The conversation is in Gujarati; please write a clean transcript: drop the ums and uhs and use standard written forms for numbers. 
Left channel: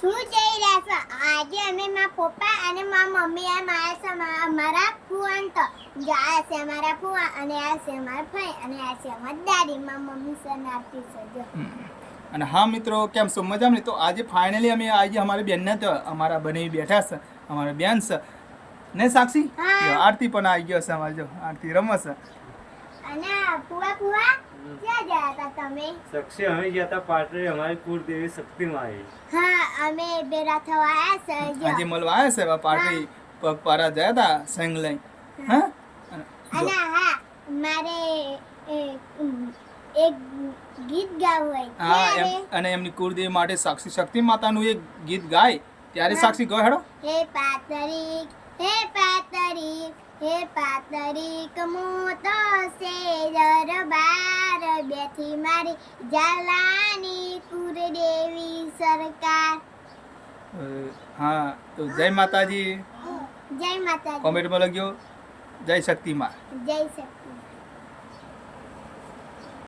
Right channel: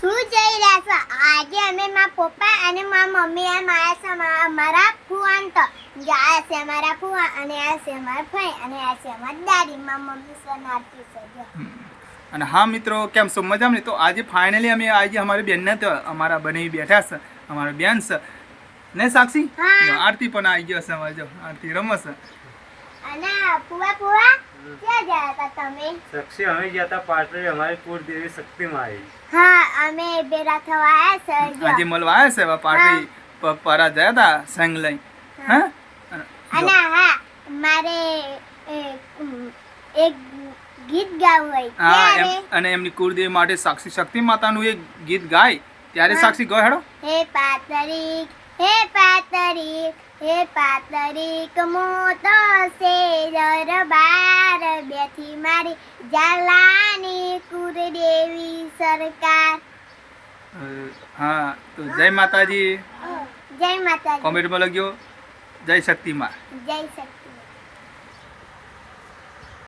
શું જઈ રહ્યા છો? આજે અમે મારા પપ્પા અને મારા મમ્મી એમ આવ્યા છે અમારા ફુવાન તો આ છે અમારા ફુવા અને આ છે અમારા ભાઈ અને આ છે અમારી દાદી. મારા મમ્મી છે નારતી છે જો. અને હા મિત્રો, કેમ છો? મજામાં ને? તો આજે ફાઇનલી અમે આજે અમારી બેનને તો અમારા બને બેઠા છે, અમારા બેન છે ને સાક્ષી. હા. આરતી પણ આવી ગયો છે અમારે, જો આરતી રમે છે. અને ફુવા ક્યાં ગયા હતા તમે? સાક્ષી અમે ગયા હતા પાટડી, અમારી કુળદેવી શક્તિમાં આવી. હા, અમે બેરા થવા આવ્યા છે જો. આજે મળવા આવ્યા છે એવા પાર્ટી પગપારા ગયા હતા સંગ લઈ. હા અને હા મારે એક ગીત ગાવું હોય ત્યારે અને એમની કુળદેવી માટે સાક્ષી શક્તિ માતાનું એક ગીત ગાય ત્યારે સાક્ષી ગયો હેડો. હે પાતરીક હે પાતરીક હે પાતરીક મોતો છે દરબાર બેઠી મારી ઝાલાની કુળદેવી સરકાર. હા, તો જય માતાજી. જય માતાજી. કોમેન્ટમાં લખ્યો જય શક્તિમાં. જય શક્તિ.